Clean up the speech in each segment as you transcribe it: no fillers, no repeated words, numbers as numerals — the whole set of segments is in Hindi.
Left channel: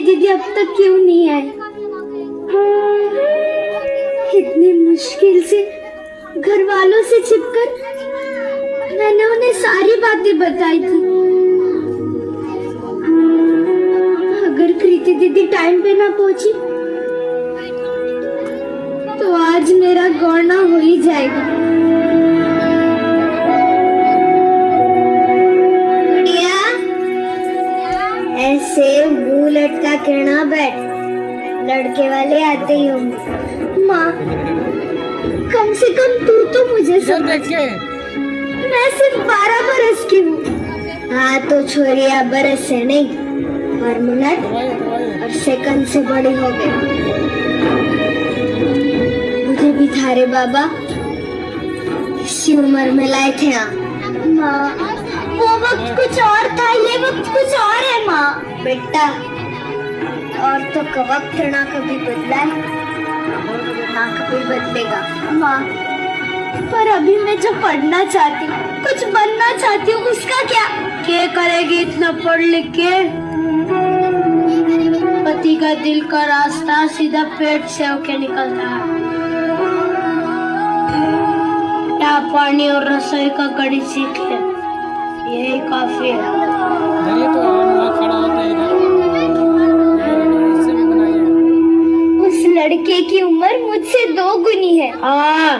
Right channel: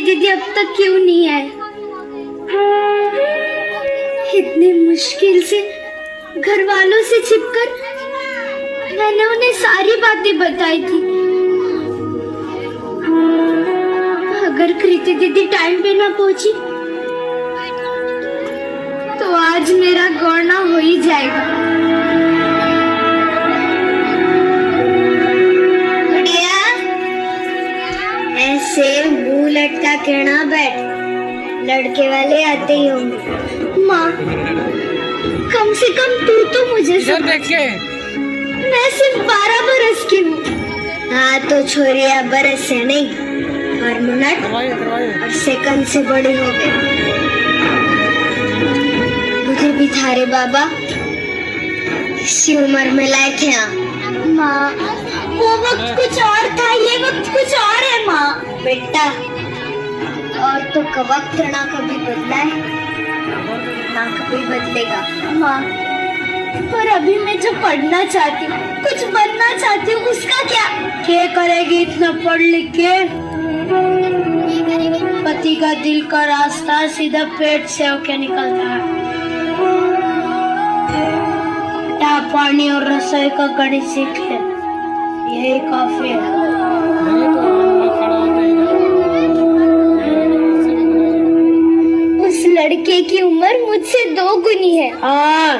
कृति दीदी अब तक क्यों नहीं आए? इतनी मुश्किल से घर वालों से छिपकर मैंने उन्हें सारी बातें बताई थी। अगर कृति दीदी टाइम पे ना पहुंची तो आज मेरा गौना हो ही जाएगा। बढ़िया, ऐसे मुंह लटका के ना बैठ, लड़के वाले आते ही होंगे। माँ, कम से कम तू तो मुझे समझ। मैं सिर्फ 12 बरस की हूँ। हाँ तो छोरिया बरस से नहीं और मिनट और सेकंड से बड़ी हो गई। मुझे भी थारे बाबा इसी उम्र में लाए थे। माँ, वो वक्त कुछ और था, ये वक्त कुछ और है। माँ बेटा, और तो वक्त ना कभी बदला है ना कभी बदलेगा। माँ, पर अभी मैं जो पढ़ना चाहती हूँ, कुछ बनना चाहती हूँ, उसका क्या करेगी इतना पढ़ लिख के? पति का दिल का रास्ता सीधा पेट से होके निकलता है। या पानी और रसोई का कड़ी सीख ले, यही काफी है। उस लड़के की उम्र मुझसे 2 गुनी है। हाँ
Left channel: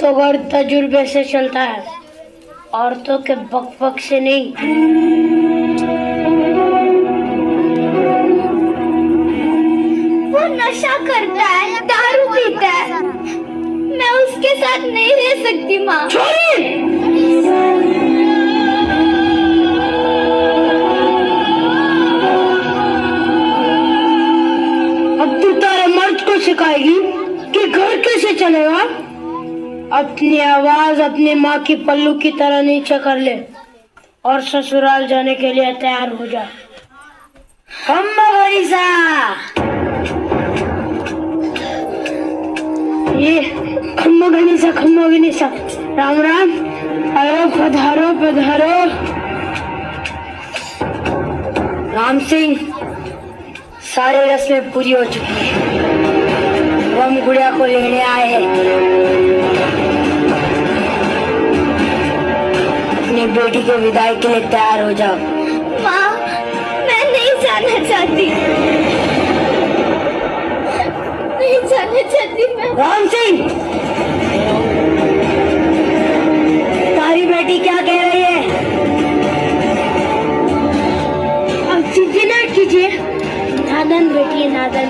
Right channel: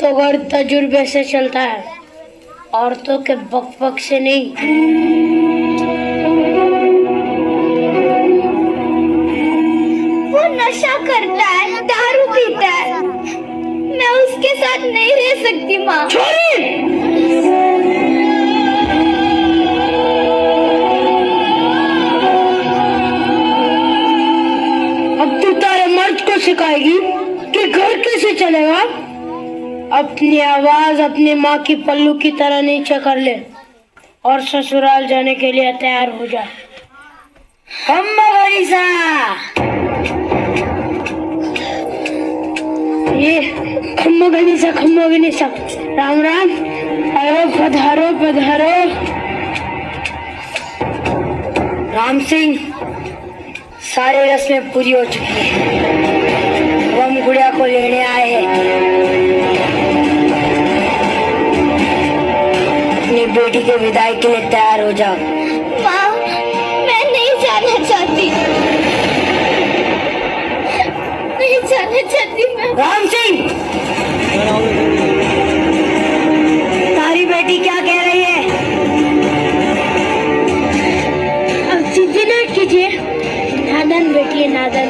तो घर तजुर्बे से चलता है, औरतों के बक से नहीं। वो नशा करता है, दारू पीता है, मैं उसके साथ नहीं रह सकती। माँ, अब तू तारे मर्द को सिखाएगी कि घर कैसे चलेगा? अपनी आवाज अपनी माँ की पल्लू की तरह नीचे कर ले और ससुराल जाने के लिए तैयार हो जा। खम्मा गणेशा, राम राम। अरे पधारो पधारो। राम सिंह, सारी रस्में पूरी हो चुकी है, हम गुड़िया को लेने आए हैं। अपनी बेटी के विदाई के लिए तैयार हो जाओ। माँ, मैं नहीं जाना चाहती, नहीं जाना चाहती मैं। राम सिंह, तारी बेटी क्या कह रही है? अब चिंता ना कीजिए, नादन बेटी है, नादन।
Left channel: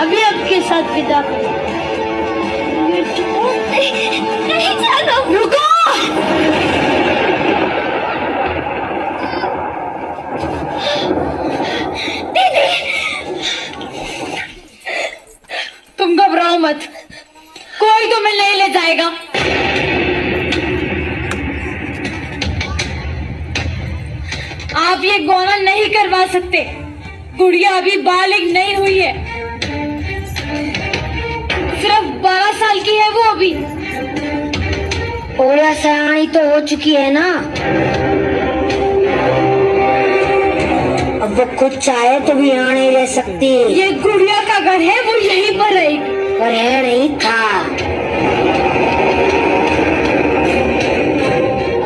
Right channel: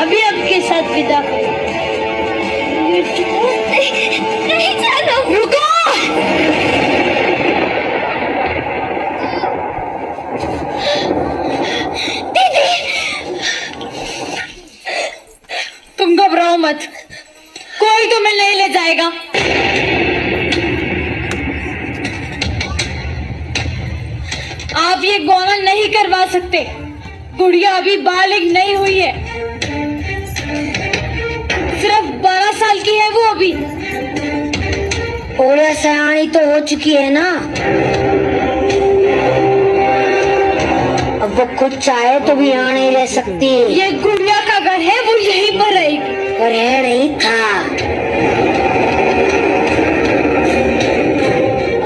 अभी आपके साथ विदा करें। नहीं जाना। रुको। तुम घबराओ मत, कोई तुम्हें नहीं ले जाएगा। आप ये गौना नहीं करवा सकते, गुड़िया अभी बालिग नहीं हुई है, सिर्फ 12 साल की है वो अभी। और सयानी तो हो चुकी है ना, अब वो खुद चाहे तो भी यहाँ नहीं रह सकती। ये गुड़िया का घर है, वो यहीं पर रहेगी। घर है नहीं था,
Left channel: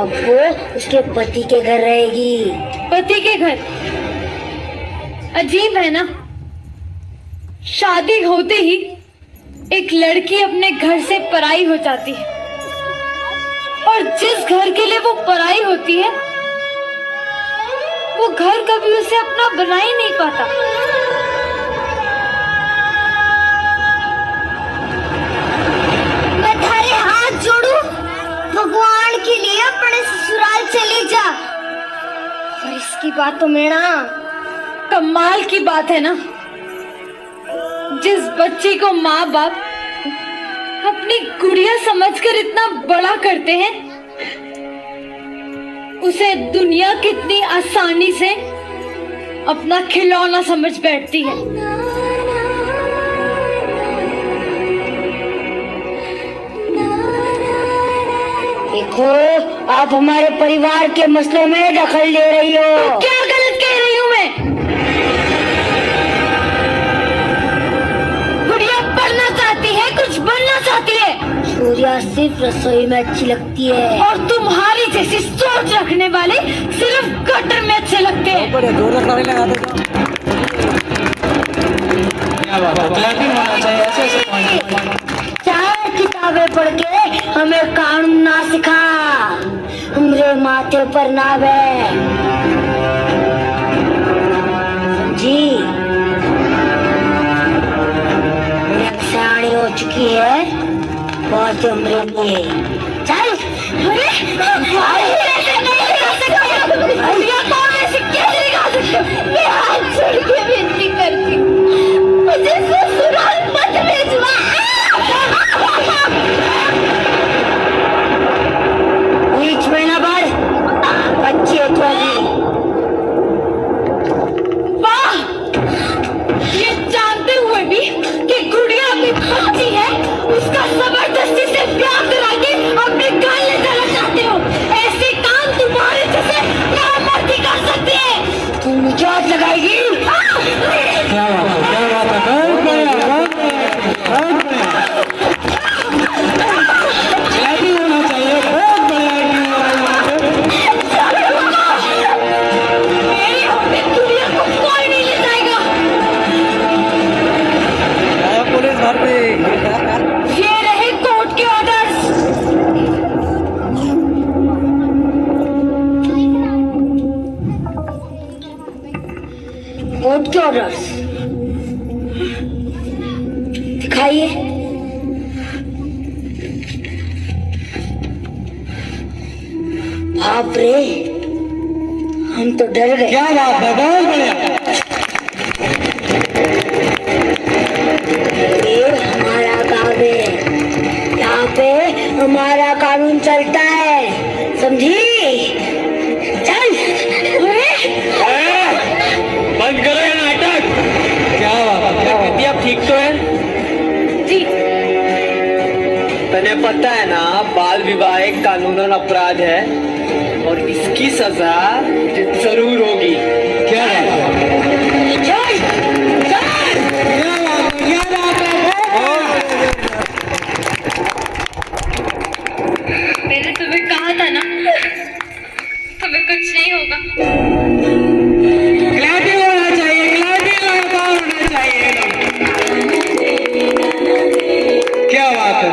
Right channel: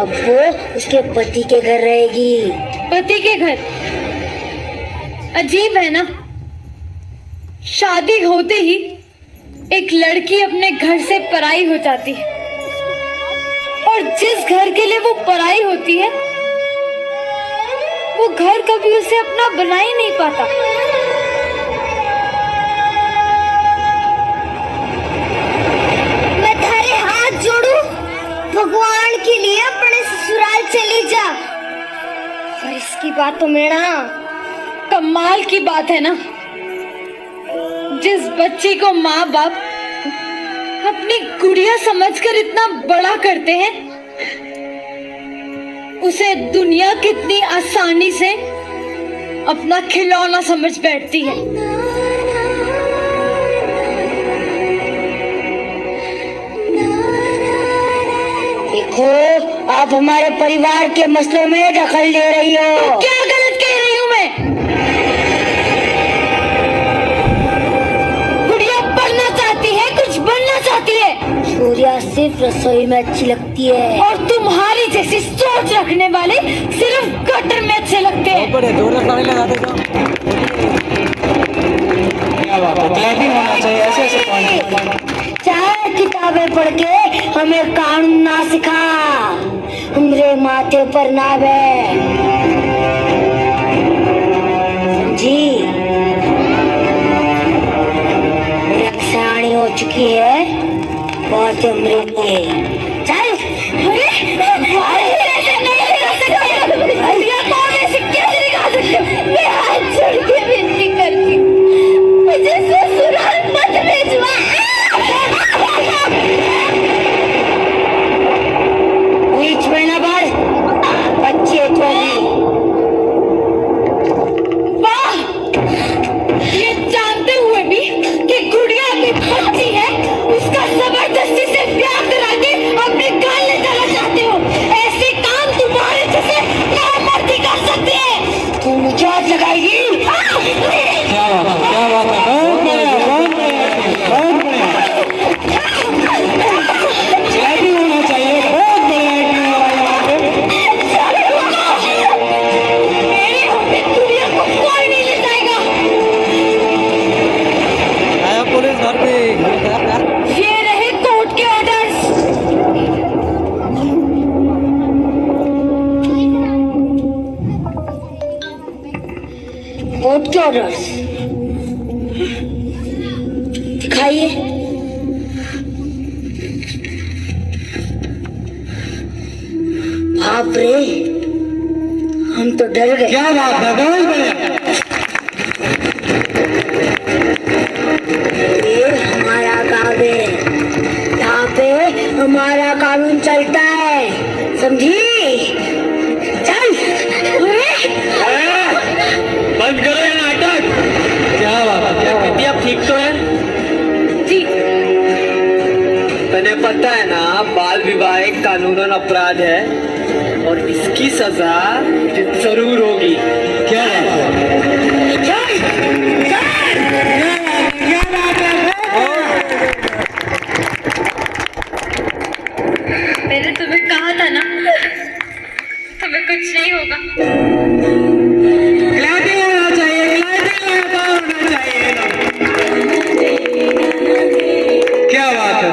अब वो उसके पति के घर रहेगी। पति के घर? अजीब है ना, शादी होते ही एक लड़की अपने घर से पराई हो जाती है, और जिस घर के लिए वो पराई होती है वो घर कभी उसे अपना बना ही नहीं पाता। मैं थारे हाथ जोड़ू, भगवान के लिए अपने ससुराल चली जा। और इसकी बात तो मेरा कमाल की बात है ना, जिस बच्चे को माँ बाप अपनी गुड़िया समझकर इतना बड़ा करते हैं, उसे दुनिया कितनी आसानी से अपना खिलौना समझ बैठती है। देखो, आप हमारे परिवार के मसलों में दखल ले रही हो। क्या गलत कह रही हूँ मैं? सिर्फ रसोई में अच्छी लगती है, और तुम्हारी जैसी सोच रखने वाले सिर्फ गटर में अच्छे लगते हैं। बड़े जोर लगाने लगाते जाओ। क्या बात है, क्लैपिंग होना चाहिए ऐसे ऐसे। चाहे किताबें पढ़ के हमें कानून ना सिखा, हमरे माथे पर ना बे जी। सियानी हो चुकी है बहुत उम्र में। चल मैं हाथ जोड़ के विनती करती हूँ, मुझे ससुराल मत भेजवा। बीच में ना बढ़, बच्चे चोरी। वाह, ये जानते हुए भी कि गुड़िया अपनी बच्ची है, उसका जबरदस्ती से प्यार करा के अपने गाल में डालना चाहते हो। ऐसे काम तुम्हारे जैसे नामर्दी कर सकते हैं। तू मुझे हाथ लगाएगी? क्या बात है, क्लैपिंग होना चाहिए। बहुत मेरी होते गुड़िया को कोई नहीं ले जाएगा। बढ़िया पुलिस घर पे। ये रहे कोर्ट के ऑर्डर्स। कोर्ट के ऑर्डर्स दिखाइए। बाप रे, हम तो डर गए। क्या बात है, बहुत बढ़िया। ये हमारा गाँव है, यहाँ पे हमारा कानून चलता है, समझी? चल। बंद करो ये नाटक। क्या बात है, क्या कहती है, अब ठीक तो है? जी। तने पता है ना, बाल विवाह एक कानूनन अपराध है और इसकी सजा जरूर होगी। क्या बात है, चल, चल। बहुत बढ़िया। मैंने तुम्हें कहा था ना, तुम्हें कुछ नहीं होगा। क्लैपिंग होना चाहिए, क्लैपिंग होना चाहिए। क्या बात है,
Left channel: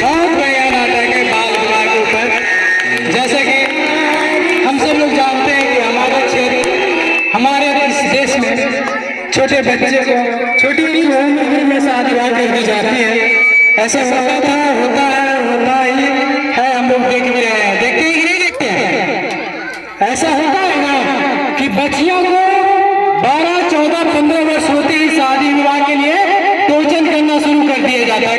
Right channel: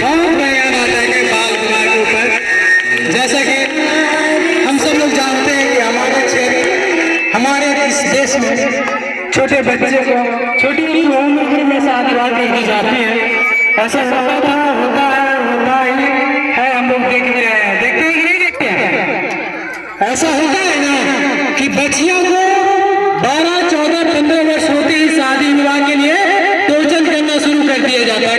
बहुत बढ़िया नाटक है बाल विवाह के ऊपर। जैसे कि हम सब लोग जानते हैं कि हमारे इस देश में छोटे बच्चे को छोटी उम्र में शादी कर दी जाती है। ऐसा होता ही है, हम लोग देखते हैं कि नहीं देखते हैं। ऐसा होता है ना कि बच्चियों को 12, 14, 15 वर्ष होते ही शादी विवाह के लिए टोचन करना शुरू कर दिया जाता है।